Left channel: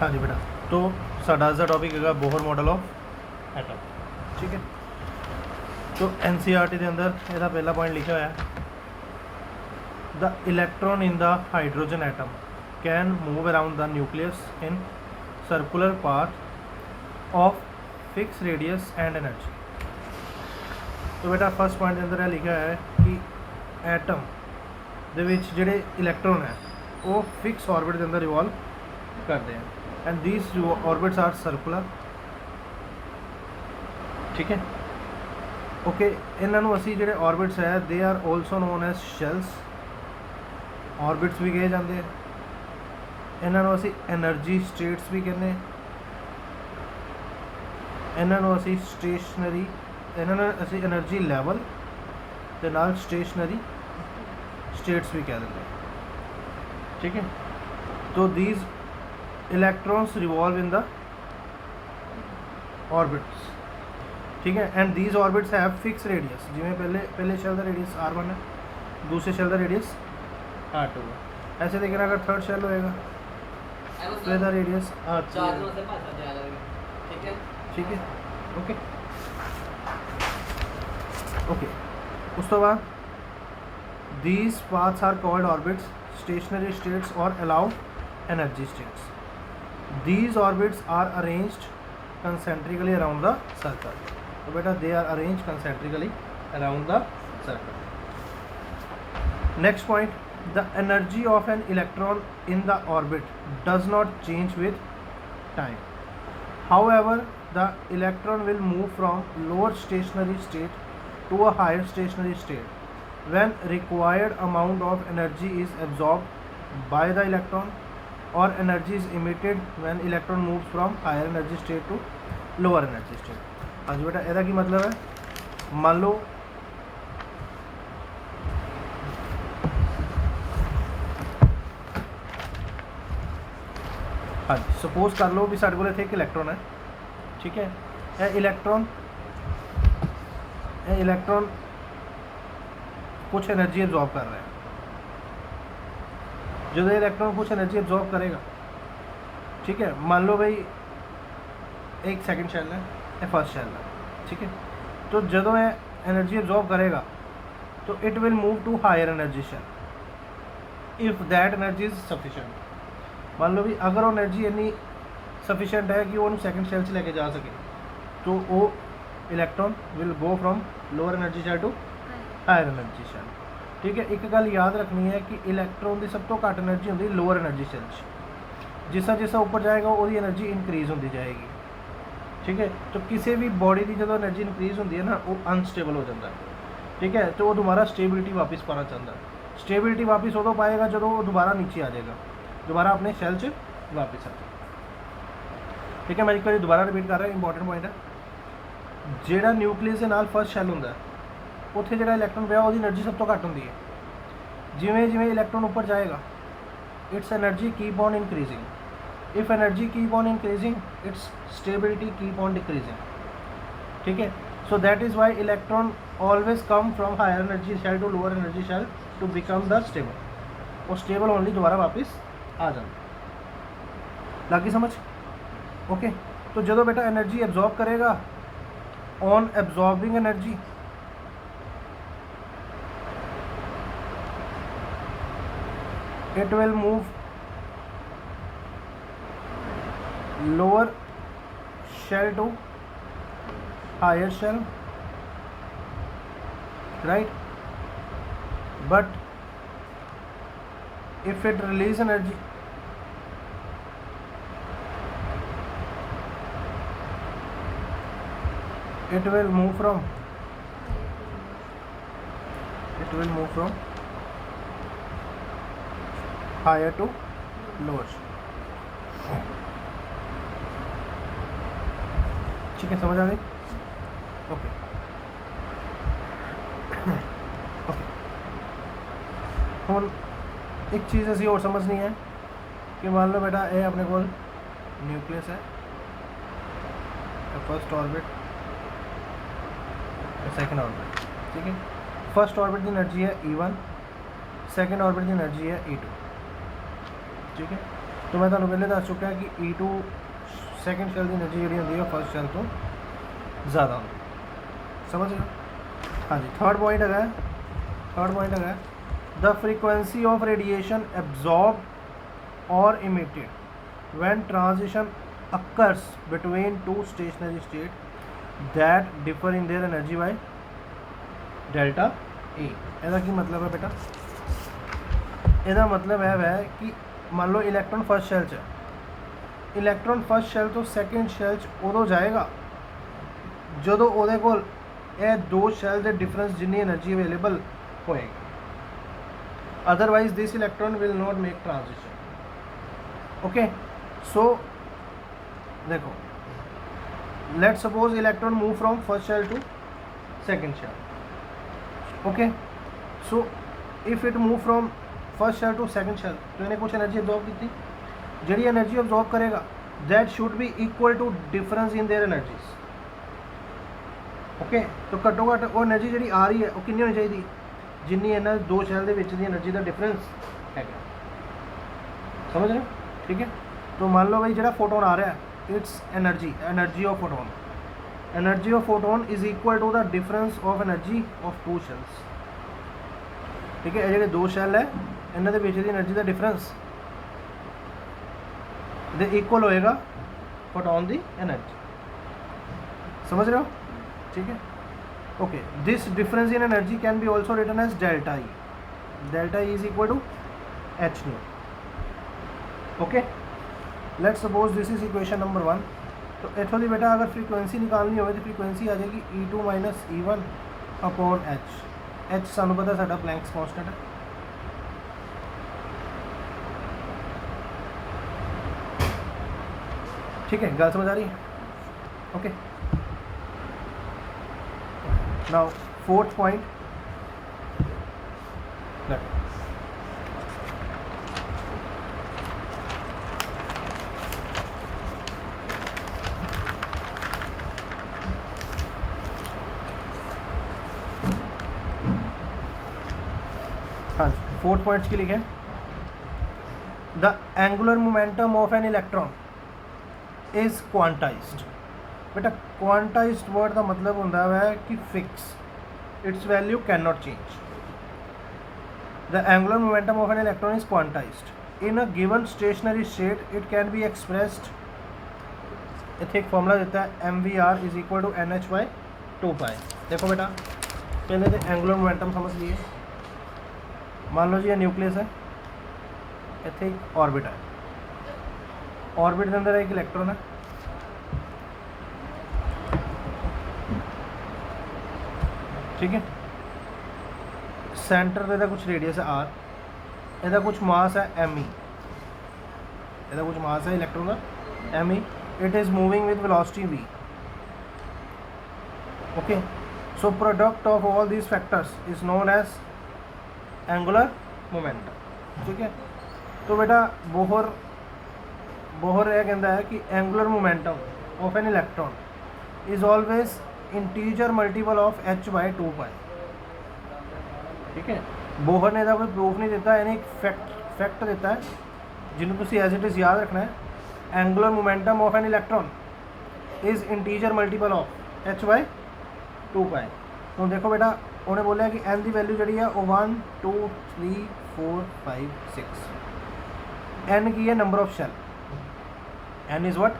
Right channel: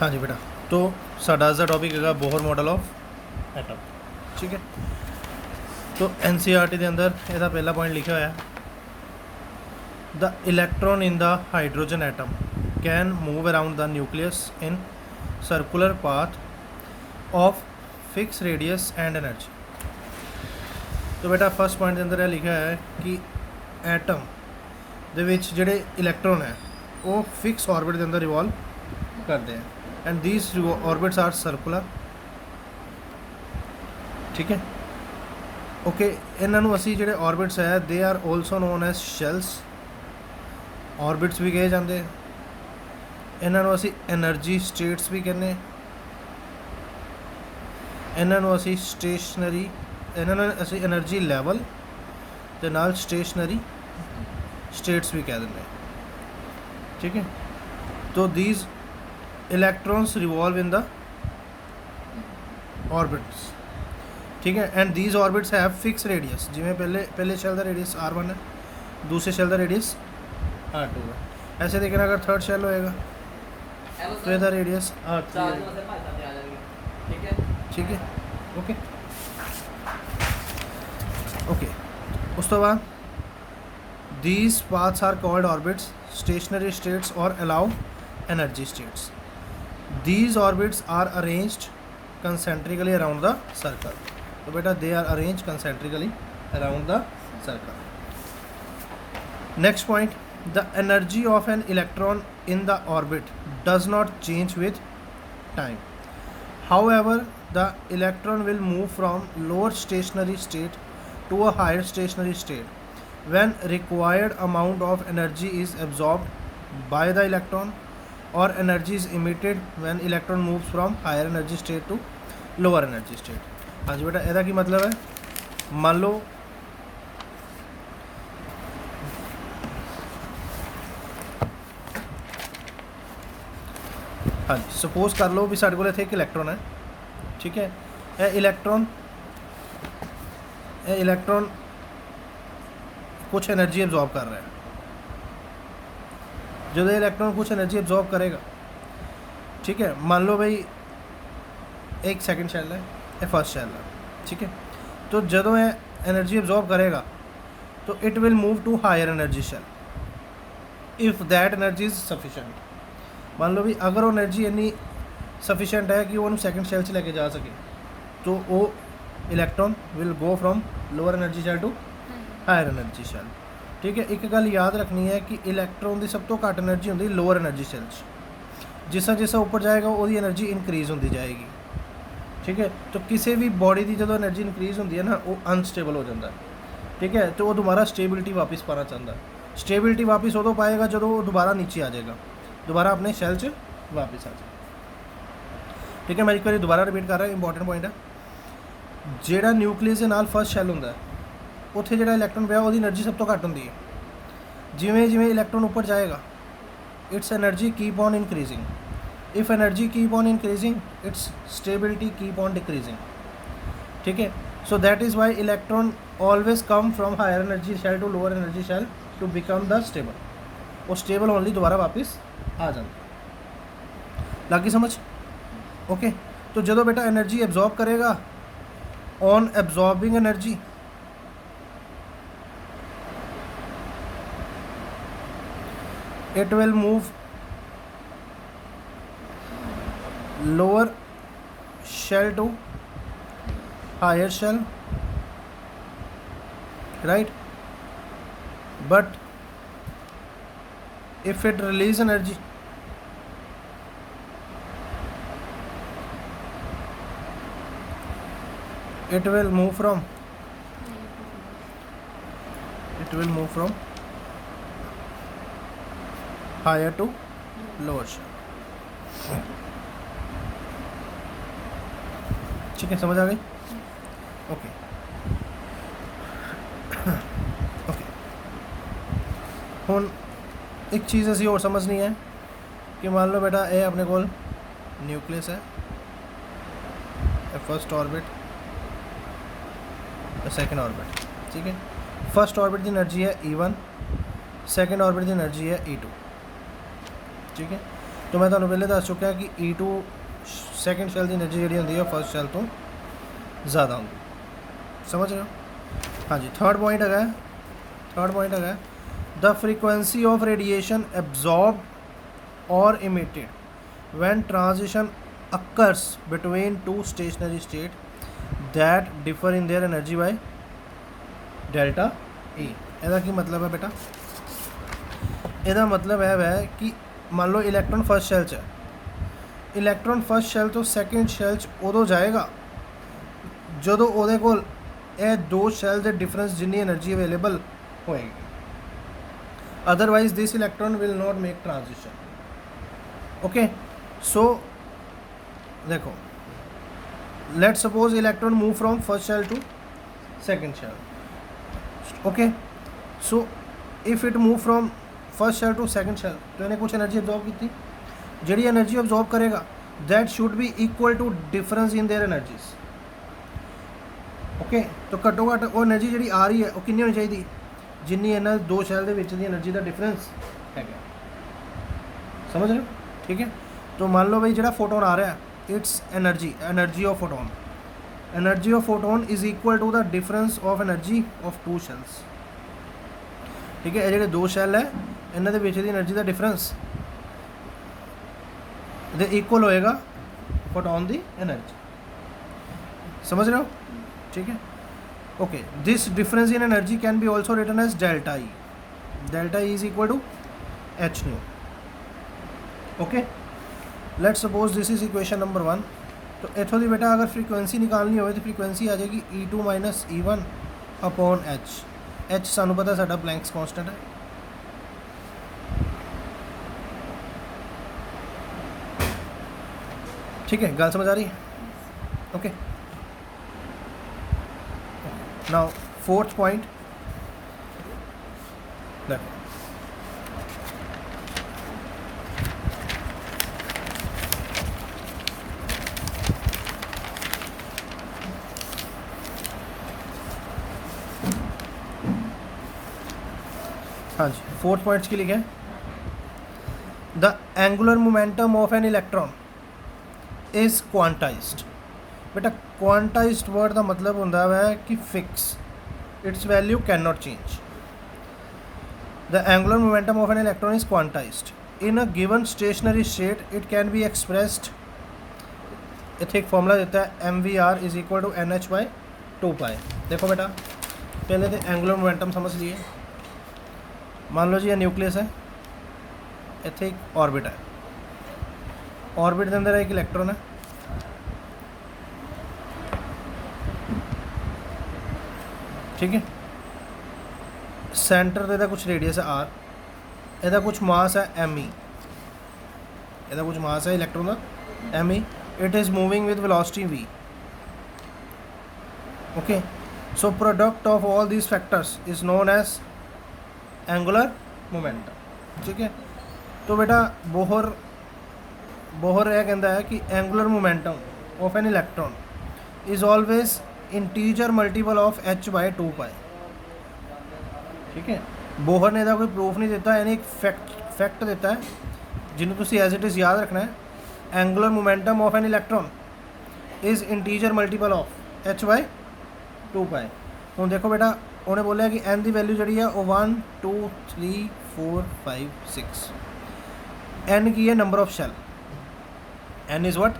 हाँ जी बेटा, तो साडा दा टॉपिक है बोहर मॉडल ऑफ एटम। ठीक है, तो NCERT के अंदर ਇਹਦਾ पहला पॉइंट लिखा हुआ है, the electron in the hydrogen atom can move around the nucleus in circular path of fix radius and energy. तो बेटा फर्स्ट पॉइंट के अंदर यह लिखा है कि एटम ਦੇ ਵਿੱਚ ਜਿਹੜੇ इलैक्ट्रॉन है वो फिक्स ऑर्बिट के अंदर रिवॉल्व करते हैं and these orbits are circular. ठीक है, ओके, इन्हों असी जोड़े ऑर्बिट्स है they are also known as shells, orbits भी कहे जाते हैं। इन्हों असी एनर्जी स्टेट्स भी कहने, इन्हों असी स्टेशनरी, इन्होंने असी एनर्जी लैवल के नाल स्टेशनरी स्टेट्स भी कह देंगे। ठीक है, तो these electrons revolve in the orbits. ठीक है, and these orbits have fix radius, जिमें पहले शेल का रेडियस R1 है, दूसरे शेल का रेडियस R2 है। ऐसे देखना अगर थर्ड शेल होएगा तो इसका रेडियस R3 है। ठीक है, ओके ओके, उस तो बाद these paths are called orbits, stationary states or allowed energy states. These orbits are arranged concentrically around the circle. So beta they are arranged concentrically around the circle. Next point, the energy of an electron in the orbit does not change with time. However, the electron will move from lower stationary state to a higher stationary state when required amount of energy is absorbed by the electron or energy is emitted when electron moves from higher energy state to lower energy state। हाँ जी बेटा, ਇਹਦਾ ਕੀ मतलब है, मान लो हाँ जी, suppose कर लो भी साढ़े को इत्थे एक इलैक्ट्रॉन है। ठीक है, ਇਹ इलैक्ट्रॉन कुछ एनर्जी एब्जॉर्ब कर रहा है। जो इलैक्ट्रॉन कुछ एनर्जी एब्जॉर्ब करेगा, ठीक है, मान लो भाई एक सेकंड शेल है, ये फर्स्ट शेल है। ठीक है, तो जो ये एनर्जी एब्जॉर्ब करेगा तो it will move to higher energy shell if that energy is sufficient. मान लो भी अगर वो एनर्जी इन्नी सफिशेंट है कि वो सैकेंड शेल से लेके जा सके, तो वो electron will go from lower energy shell to higher energy shell. ठीक है, एक गल याद रखनी है कि इलैक्ट्रॉन की सब तो घट एनर्जी होती लोअर एनर्जी शेल, जिस जिसा ऊपर जाएगा वो एनर्जी इनक्रीज़ होती जाएगी। ठीक है, तो किसी भी बॉडी की जो एनर्जी इनक्रीज़ होती है ना, वो अनस्टेबल हो जाता है। ठीक है, तो वो दोबारा स्टेबिलिटी वापस पाना चाहता है। स्टेबिलिटी वापस उदों पाएगा जो वो दोबारा नीचे आ जाएगा, दोबारा अपने शैल च वापस आ जाएगा। ठीक है, मैं एक बार दोबारा रिपीट कर रहा, इंपॉर्टेंट पॉइंट है, जोड़ा न्यूक्लियस के नाल फर्स्ट शैल होंगे उत्थे जो इलैक्ट्रॉन पिया उसकी एनर्जी सब तो घट होंगी है। जिमें जिमें इलैक्ट्रॉन ऊपर जाएगा its energy keep on increasing. If energy keep on increasing its stability keep on decreasing. ठीक है, so that is why electron always come from higher energy shell to lower energy shell to become the stable. वो stable only दोबारा वापस आ जाए। लागी समझ? Okay, तो जो बेटा एनर्जी एब्जॉर्ब करेगा, on absorbing energy it will move lower shell to higher shell, right? But if it release energy, it will move from higher to lower shell। ठीक है, समझ आ गई? ओके ओके, हुण एक चीज़ असी और समझनी है कि मान लो बेटा ये अपने को न्यूक्लियस है, फर्स्ट ऑर्बिट, सेकेंड ऑर्बिट। ठीक है, फर्स्ट ऑर्बिट की एनर्जी है E1, सेकेंड ऑर्बिट की एनर्जी है E2। ठीक है, तो तो मैं तुहानूं पहले दस चुका कि E2 सैकेंड शैल की एनर्जी जी होंगी फर्स्ट शैल तो ज़्यादा होंगी। समझ रहे हो? हाँ जी। थर्ड पॉइंट है the frequency of radiation absorbed और emitted when transition occurs between two stationary state that differ in their energy by delta E। ਇਹਦਾ ਕੀ मतलब है बेटा? ਇਹਦਾ मतलब है कि मान लो इलैक्ट्रॉन फर्स्ट शैल च इलैक्ट्रॉन फर्स्ट शैल तो सैकेंड शैल च उदों जाएगा ਜਦੋਂ ਉਹਦੇ ਕੋਲ ਇਹ ਦੋ ਸ਼ੈਲ ਦੇ ਡਿਫਰੈਂਸ ਜਿੰਨੀ એનર્ਜੀ ਅਵੇਲੇਬਲ ਹੋਏਗੀ। Otherwise this electron will not make transition. Okay so देखो let suppose electron move from first shell to second shell. Okay so if it move from first shell to second shell तो इन्हें कुछ energy absorb की थी। जी energy absorb करेगा that should be equal to difference in their energies. Okay तो घट्टो घट्ट वो एनर्जी जी आ रही है वो कितनी होनी चाहिए जिन्नी इन्होंने दो शैल के एनर्जी का डिफरेंस है। समझ रहे हो? ठीक है। तो मान लो भाई जो फोटोन आ रहा है it's energy of photon is equal to the difference of energy of two shells. ठीक है। ये दो शैल है इन्होंने एनर्जी का डिफरेंस इक्वल होएगा फोटोन की एनर्जी। समझ रहे हो? ठीक है। Okay this difference in energy can be also written as delta E. Delta E is equal to H nu. Okay let's suppose this is equation number 1। तो इतों की बेटा अगर फ्रीक्वेंसी निकालनी हो तो फ्रीक्वेंसी आ जाएगी E2 minus E1 upon H सानू पता साडा प्लैंक्स कांस्टेंट है। ठीक है गल समझ आ रही है? ओके नाउ फोर्थ पॉइंट देखो हाँ जी फोर्थ पॉइंट्स की लिखे the angular momentum of an electron is quantized. बेटा क्वांटाइज्ड वर्ड का मतलब होता है कि fix it's value can not change. The angular momentum of an electron is quantized in a given stationery state it can be expressed. इतने एक formula देता है MVR is equal to NH/2π। देखो बेटा पहले तो एंगुलर मोमेंटम समझ लिए। मान लो जी ये न्यूक्लियस है इतने एक ऑर्बिट है ऑर्बिट के अंदर एक इलेक्ट्रॉन है। ठीक है सेंटर पे कुछ रेडियस है R ਇਹਦਾ कुछ मास है ME। ਇਹਦਾ कुछ मास है इलेक्ट्रॉन का ME। It is moving with velocity V। Okay so product of all these factors is known as angular momentum. ठीक है। तो बेटा बोहर यह कहता है कि angular momentum of an electron is always integer multiple of H/2π। ठीक है। बोहर ने कोई प्रूफ नहीं देता यानी एक फैक्ट देता है जिन्होंने तुम एज इट इज़ याद रखना है। Angular momentum of an electron is integer multiple of H/2π। हूँ देखो बेटा उन्हें बोलिया कि n की वैल्यू जी है वो 1 2 3 4 5 6। n की है number of shell. n is what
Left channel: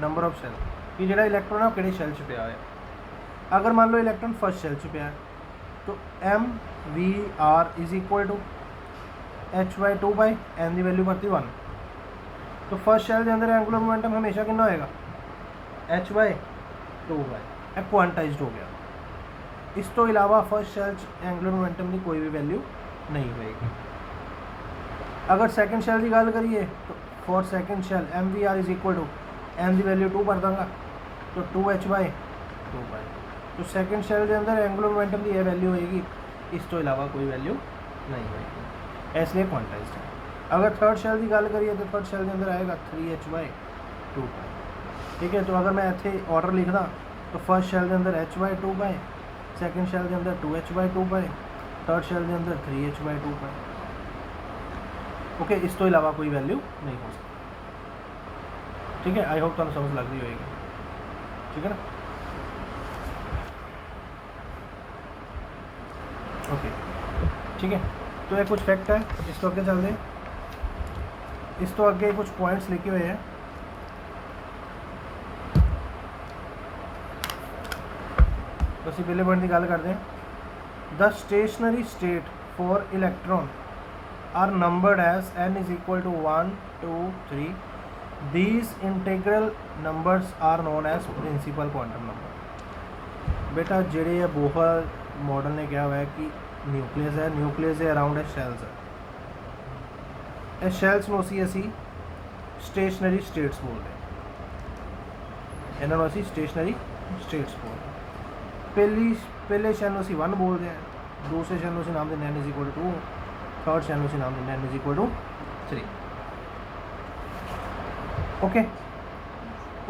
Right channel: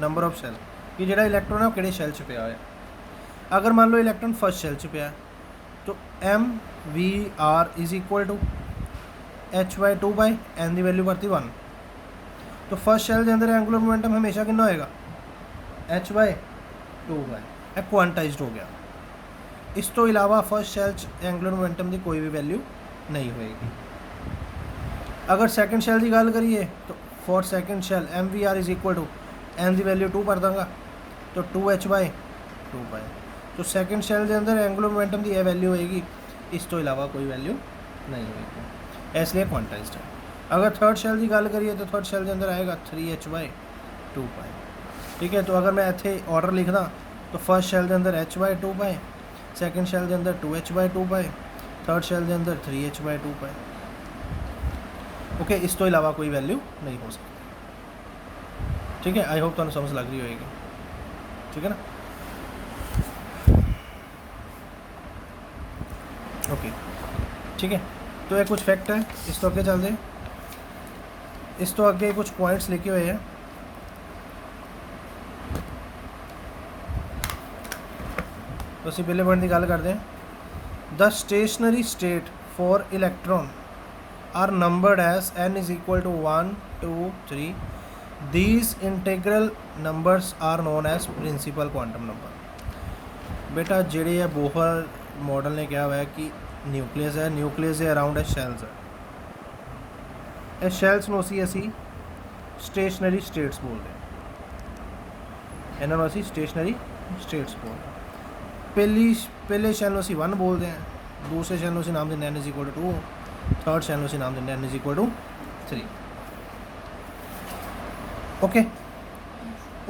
number of shell कि जो इलैक्ट्रॉन है वो कि शैल च पिया है। अगर मान लो इलैक्ट्रॉन फर्स्ट शैल च पिया तो MVR is equal to H/2π। n की वैल्यू करती 1। तो फर्स्ट शैल के अंदर एंगुलर मोमेंटम हमेशा कितना होएगा H/2π। यह क्वांटाइज्ड हो गया। इस तो इलावा फर्स्ट शैल एंगुलर मोमेंटम की कोई भी वैल्यू नहीं होएगी। अगर सैकेंड शैल की गल करिए तो for second shell MVR is equal to n की वैल्यू 2 कर दूँगा तो 2H/2π। तो सैकेंड शैल के अंदर एंगुलर मोमेंटम की यह वैल्यू होएगी इस तो इलावा कोई वैल्यू नहीं होएगी इसलिए क्वांटाइज्ड है। अगर थर्ड शैल की गल करिए तो थर्ड शैल के अंदर आएगा 3H/2π। ठीक है। तो अगर मैं इतने ऑर्डर लिखदा तो फर्स्ट शैल के अंदर H/2π सैकेंड शैल के अंदर 2H/2π थर्ड शैल के अंदर 3H/2π। ओके इस तो इलावा कोई वैल्यू नहीं हो सकती। ठीक है, आई होप तुहानू समझ लग रही होएगी, ठीक है ना। ओके ठीक है, तो ये कुछ फैक्ट है, इस तो अगे चलते हैं, इस तो अगे कुछ पॉइंट्स लिखे हुए हैं। तो असीं पहले पॉइंट की गल करते हैं, the stationary state for electron are numbered as n is equal to 1 2 3। These integral numbers are known as principal quantum number. बेटा जेड़े है बोहर मॉडल ने कहा हुआ है कि न्यूक्लियस है, न्यूक्लियस के अराउंड है शैल्स है, ਇਹ ਸ਼ੈਲਸ ਨੂੰ ਅਸੀਂ ਸਟੇਸ਼ਨਰੀ ਸਟੇਟਸ ਬੋਲਦੇ ਹਾਂ, ਇਹਨਾਂ ਨੂੰ ਅਸੀਂ ਸਟੇਸ਼ਨਰੀ ਸਟੇਟਸ ਬੋਲਦੇ ਹਾਂ। ਪਹਿਲੇ ਸ਼ੈਲ ਨੂੰ ਅਸੀਂ 1 ਬੋਲਦੇ ਹਾਂ, ਦੂਸਰੇ ਸ਼ੈਲ ਨੂੰ ਅਸੀਂ ਨਾਮ ਦਿੰਦੇ n is equal to 2, third shell ਨੂੰ ਅਸੀਂ ਨਾਮ ਦਿੰਦੇ n is equal to 3। Okay,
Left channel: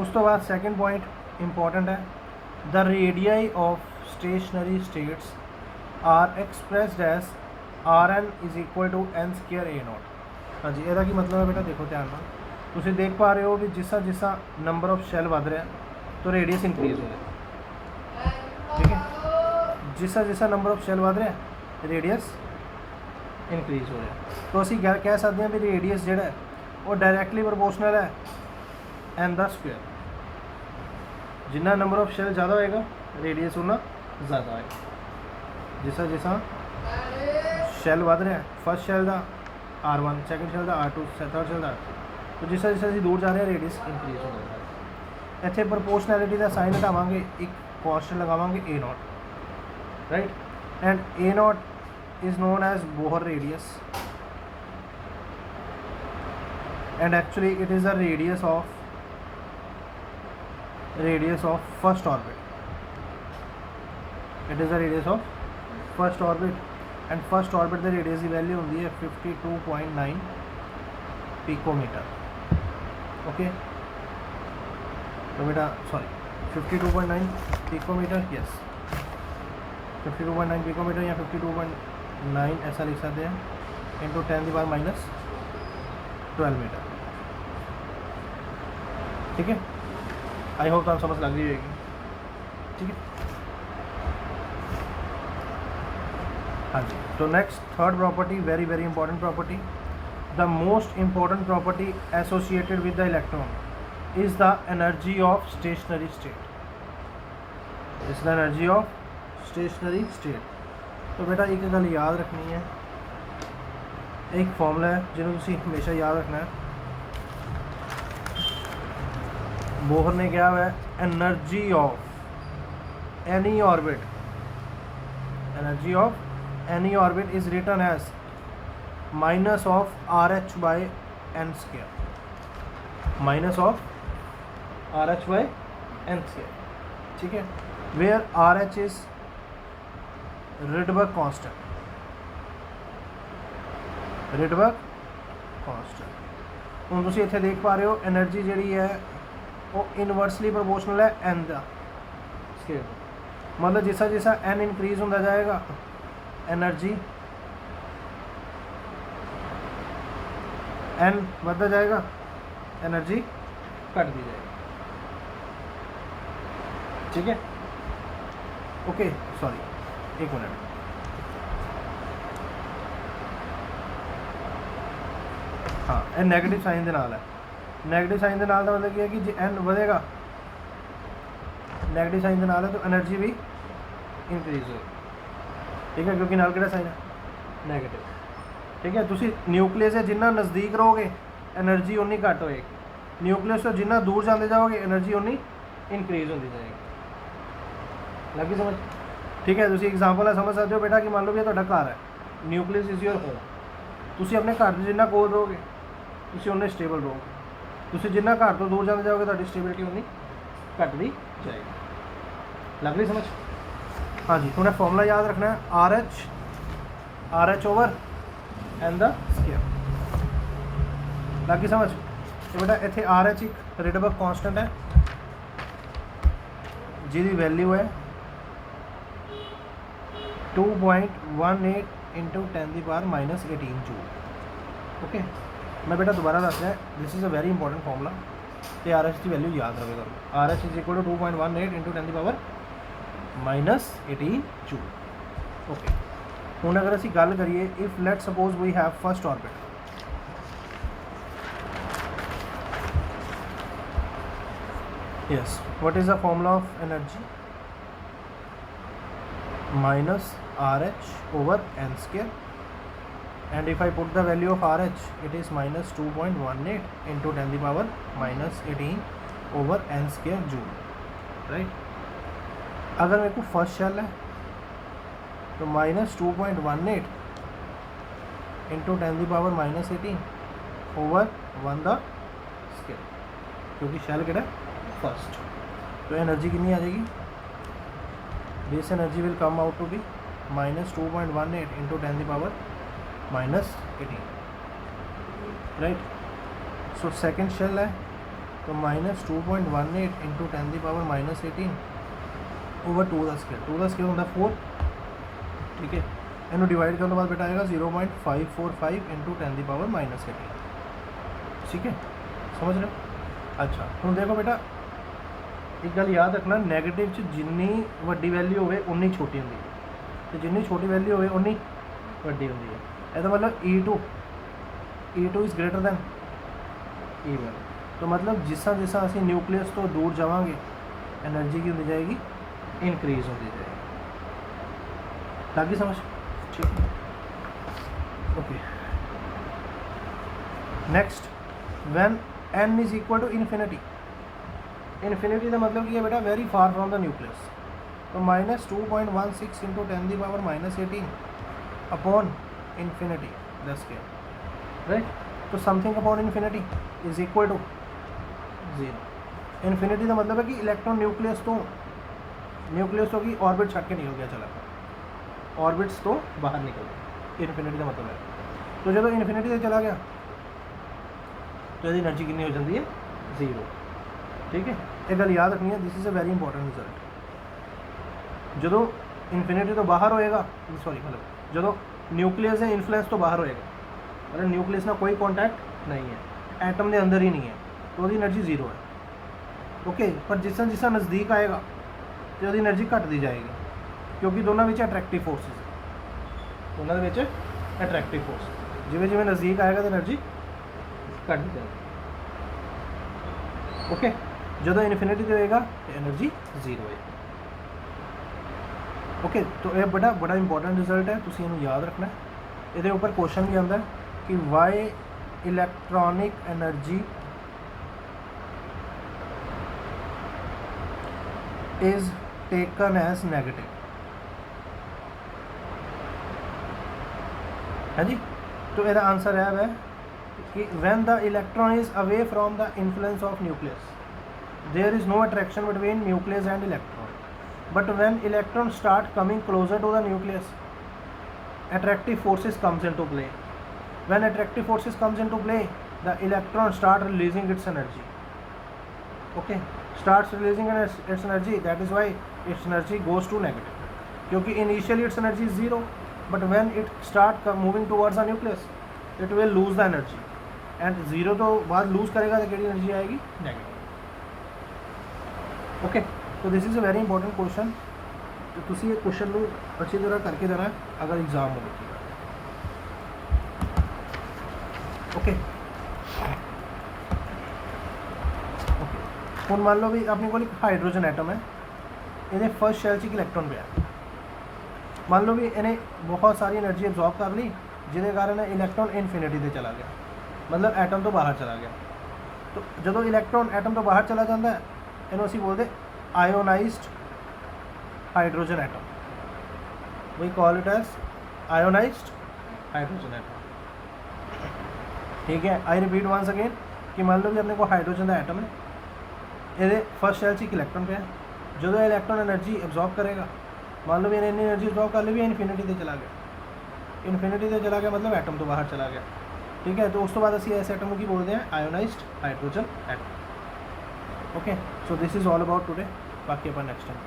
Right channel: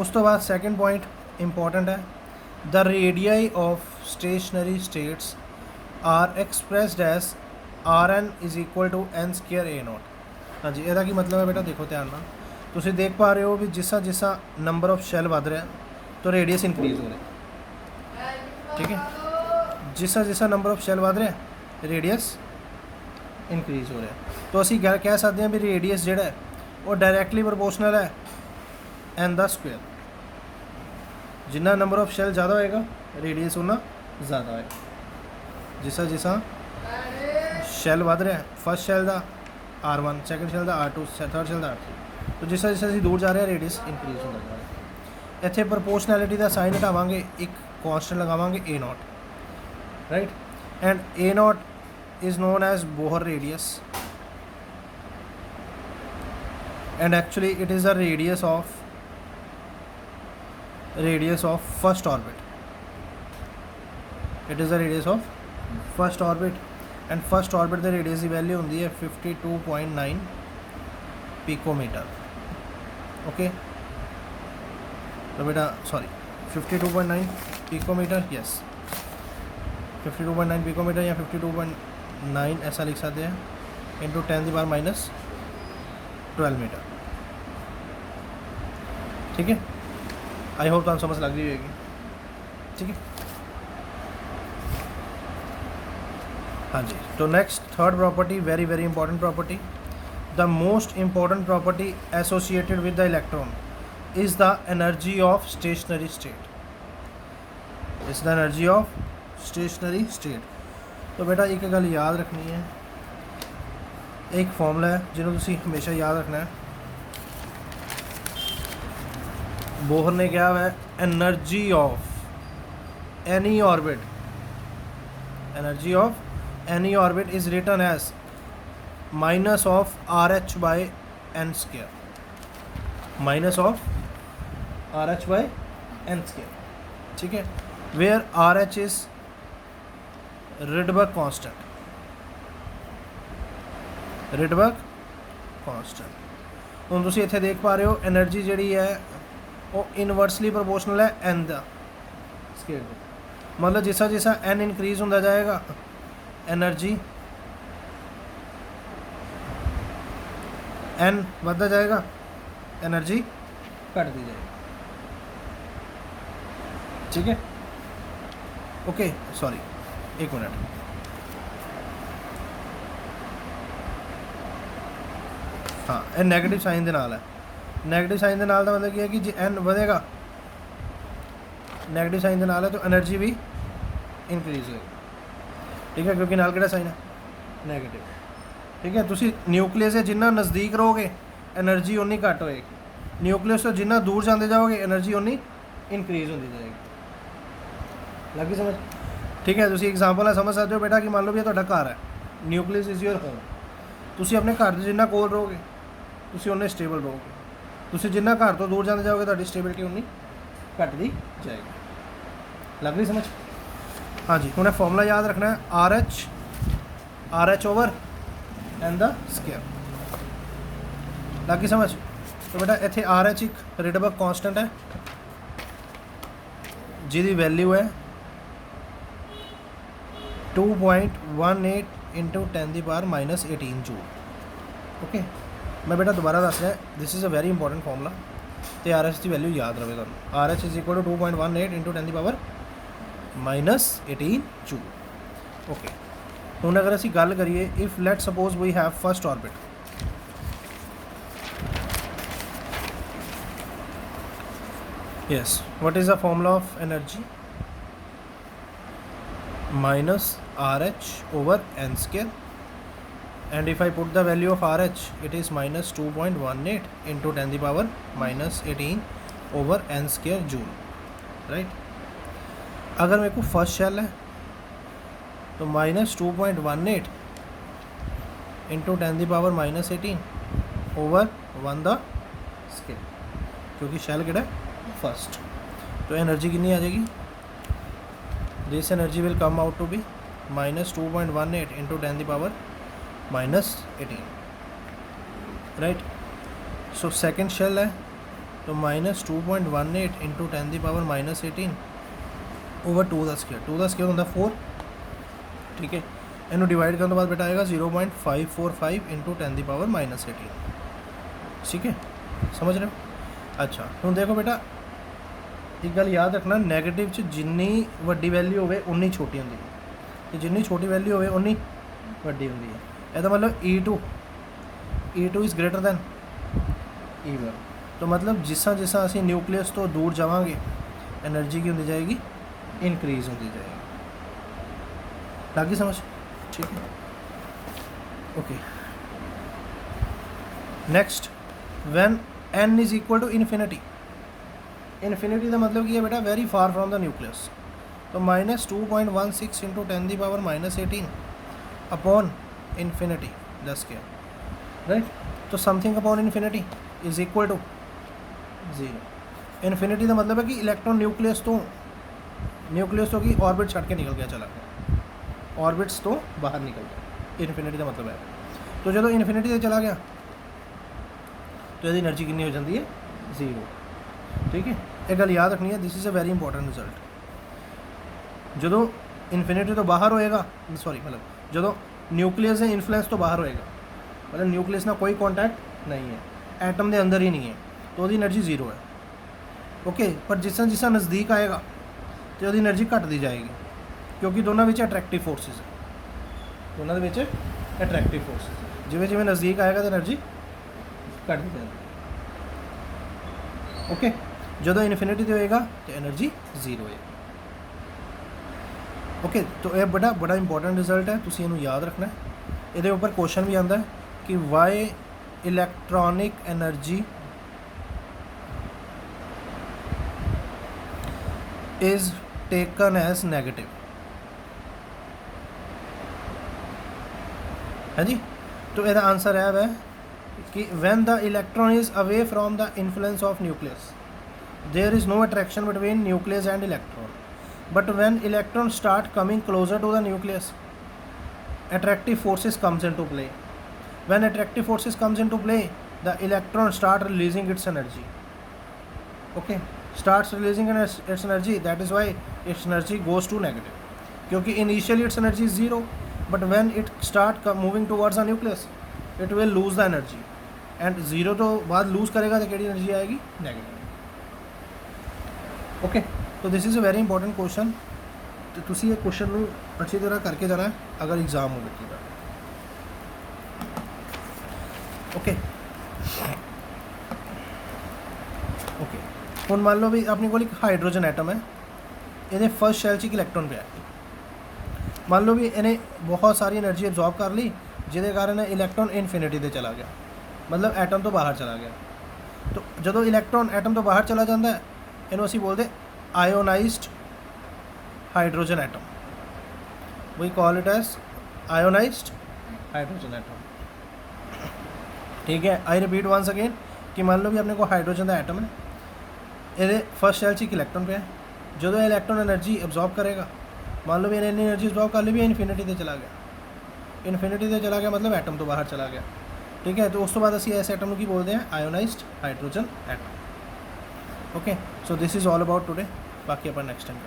ਉਸ ਤੋਂ ਬਾਅਦ ਸੈਕੰਡ ਪੁਆਇੰਟ ਇੰਪੋਰਟੈਂਟ ਹੈ, the radii of stationary states are expressed as Rn is equal to n square a naught. हाँ जी, ਇਹਦਾ ਕੀ मतलब है बेटा, देखो ध्यान ਨਾਲ ਤੁਸੀਂ देख पा रहे हो भी जिसा जिसा नंबर ऑफ शैल बढ़ रहा है तो रेडियस इंक्रीज हो रहा है, ठीक है। जिसा जिसा नंबर ऑफ शैल बढ़ रहा है रेडियस इंक्रीज हो रहा है, तो असी कह सकते हैं भी रेडियस जोड़ा है वो डायरैक्टली प्रोपोर्शनल है n द स्क्वायर। जिन्ना नंबर ऑफ शैल ज़्यादा होएगा रेडियस उतना ज़्यादा होएगा। जिसा जिसा शैल बढ़ रहा है, फर्स्ट शैल का R1, सैकेंड शैल का R2, थर्ड शैल का R3, तो जिस जिस ਅਸੀਂ दूर जा रहे हैं रेडियस इंक्रीज हो रहा है। ਇੱਥੇ ਪ੍ਰੋਪੋਰਸ਼ਨੈਲਿਟੀ ਦਾ ਸਾਈਨ ਹਟਾਵਾਂਗੇ, ਇੱਕ ਕਾਂਸਟੈਂਟ ਲਗਾਵਾਂਗੇ a naught, right, and a naught is known as Bohr radius, and actually it is the radius of first orbit. It is the radius of first orbit, and first orbit the radius की value होंगी है 52.9 picometre. Okay, तो बेटा sorry 52.9 picometre, yes 52.9 picometre या 52.9 ऐसा लिख सकते हैं, इंटू 10⁻⁻12 मीटर, ठीक है। आई होप तो समझ लग रही होगी, ठीक है। हाँ जी, तो next third property, very very important property, the most important property associated with the electron is the energy of stationery state. Is the energy of stationery state. तो बेटा एक गल याद रखनी है, एक फॉर्मूला है जिन्होंने तुसी हमेशा याद रखना है। बोहर ने क्या है, energy of any orbit, energy of any orbit is written as minus of RH by n square, minus of RH by n square, ठीक है, where RH is Rydberg constant, Rydberg constant। ਹੁਣ ਤੁਸੀਂ ਇੱਥੇ ਦੇਖ ਪਾ ਰਹੇ ਹੋ એનર્ਜੀ ਜਿਹੜੀ ਹੈ ਉਹ ਇਨਵਰਸਲੀ ਪ੍ਰੋਪੋਰਸ਼ਨਲ ਹੈ n ਦਾ ਸਕੇਅਰ, मतलब जिसा जिसा n इंक्रीज ਹੁੰਦਾ जाएगा एनर्जी n बढ़ता जाएगा, एनर्जी घट दी जाएगी, ठीक है। ओके सॉरी एक मिनट, हाँ ये नैगेटिव साइन के नाल है, नैगेटिव साइन के नाल का मतलब क्या है कि जो n बढ़ेगा नैगेटिव साइन के नाल है तो एनर्जी भी इंक्रीज होगी, ठीक है, क्योंकि नाल किहड़ा साइन है नैगेटिव, ठीक है। तुसी न्यूक्लियस से जिन्ना नज़दीक रहोगे एनर्जी उन्नी घट होएगी, न्यूक्लियस तो जिन्ना दूर जाते जाओगे एनर्जी उन्नी इंक्रीज होती जाएगी, लगी समझ, ठीक है। तुसी एग्जाम्पल है समझ सकते हो बेटा कि मान लो भी तुहाडा घर है, न्यूक्लियस इज़ योर होम, तुसी अपने घर के जिन्ना कोल रहोगे तुसी उन्ने स्टेबल रहोगे, तुसी जिन्ना घर तो दूर जाते जाओगे तुहाडी स्टेबिलिटी उन्नी घटती जाएगी, लग रही समझ। हाँ जी, उन्हें फॉर्मूला याद रखना है, R H over N the square, लगी समझ। तो बेटा इतने आर एच एक रिडबर्ग कांस्टेंट है जिसकी वैल्यू है 2.18 इंटू 10⁻⁻18 जूल। ओके, मैं बेटा दोबारा दस रहा, this is a very important formula. तो आर एच की वैल्यू याद रहे तुम, R H is equal to 2.18 into 10 की पावर -18 जूल। ओके, हुण अगर असी गल करिए if let suppose we have first orbit, yes what is the formula of energy, minus RH over n square, and if I put the value of RH it is minus 2.18 into 10 the power -18 over n square joule, right। अगर मेरे को first shell है तो -2.18 into 10 the power -18 over 1 the square, क्योंकि shell किहड़ा first, तो energy कितनी आ जाएगी, this energy will come out to be -2.18 into 10 the power -18, right। so second shell है तो -2.18 into 10 the power -18 over 2 the square ਹੁੰਦਾ 4, ठीक है। इन्हों डिवाइड करने के बाद बेटा आएगा 0.545 इंटू 10 दी पावर -18, ठीक है, समझ रहे हो। अच्छा हूँ देखो बेटा एक गल याद रखना, नैगेटिव च जिन्नी वड्डी वैल्यू होवे उन्नी छोटी होंदी है, तो जिन्नी छोटी वैल्यू होवे उन्नी वड्डी होंदी है। ਇਹਦਾ मतलब E2 is greater than E1, तो मतलब जिस जिस असी न्यूक्लियस तो दूर जावांगे एनर्जी की होती जाएगी, इनक्रीज़ होती जाएगी, लगी समझ, ठीक है। Okay next, when n is equal to infinity, infinity का मतलब कि है बेटा very far from the nucleus, तो -2.16 into 10 the power -18 upon infinity the square, right. तो something upon infinity is equal to 0। Infinity का मतलब है कि इलेक्ट्रॉन न्यूक्लियस तो की ऑर्बिट छट के निकल गया, चला ऑर्बिट्स तो बाहर निकल गया, इन्फिनिटी का मतलब है। तो जो इन्फिनिटी से चला गया तो यदि एनर्जी कितनी हो जाती है, 0, ठीक है। एक गल याद रखनी है, this is a very important result, जो इन्फिनिटी तो बाहर होएगा, सॉरी मतलब जो न्यूक्लियस है इन्फ्लुएंस तो बाहर होएगा, मतलब न्यूक्लियस ना कोई कॉन्टैक्ट नहीं है, एटम के अंदर ही नहीं है, तो वो एनर्जी 0 है, ओके। पर जिस नज़दीक आएगा तो वो एनर्जी घटती जाएगी, क्योंकि दोनों में अट्रैक्टिव फोर्सेस है, दोनों में अट्रैक्टिव फोर्सेस, जिमें जिमें नज़दीक आएगा तो एनर्जी घटती जाएगी, ओके। जो इन्फिनिटी तो होएगा तो एनर्जी 0 है, ओके। तो यह बड़ा इंपॉर्टेंट रिजल्ट है, तुसीं इहनूं याद रखना है। ये ऊपर क्वेश्चन भी आता है कि why electronic energy is taken as negative, है जी। तो यदा आंसर है वह कि when the electron is away from the influence of nucleus there is no attraction between nucleus and electron, but when electrons start coming closer to the nucleus attractive forces comes into play, when attractive forces comes into play the electron start releasing its energy, okay, starts releasing its energy, that is why its energy goes to negative, क्योंकि initially its energy is 0, but when it start moving towards the nucleus it will lose the energy, and 0 तो बाद lose करेगा तो कितनी energy आएगी, negative, okay। तो this is a very important question, तो तुसी ये क्वेश्चन में अच्छी तरह करके जाना है अगर एग्जाम हो रखीगा, ओके ओके। हुण मान लो भी अपने को एक हाइड्रोजन एटम है, इन्हें फर्स्ट शैल च इलैक्ट्रॉन पे है, मान लो भी इन्हें बहुत सारी एनर्जी एब्जॉर्ब कर ली, जिसके कारण इलैक्ट्रॉन इन्फिनिटी से चला गया, मतलब एटम तो बाहर चला गया। तो जो इलैक्ट्रॉन एटम तो बाहर चला जाता है इन्हों असीं बोलते ionized hydrogen atom, we call it as ionized hydrogen atom, ठीक है। आई रिपीट वंस अगेन कि मान लो भी अपने को हाइड्रोजन का एटम है, ये फर्स्ट शैल एक इलैक्ट्रॉन पे है, जो इलैक्ट्रॉन एनर्जी एब्जॉर्ब करेगा, मान लो भी इन्हें एनर्जी एब्जॉर्ब कर ली भी इन्फिनिटी से चला गया, इन्फिनिटी से चला गया मतलब एटम तो बाहर चला गया, ठीक है। तो उस तो बाद असी ऐसे एटम की बोलते हैं ionised hydrogen atom, okay. So this is all about today, बाकी अपन नेक्स्ट टाइम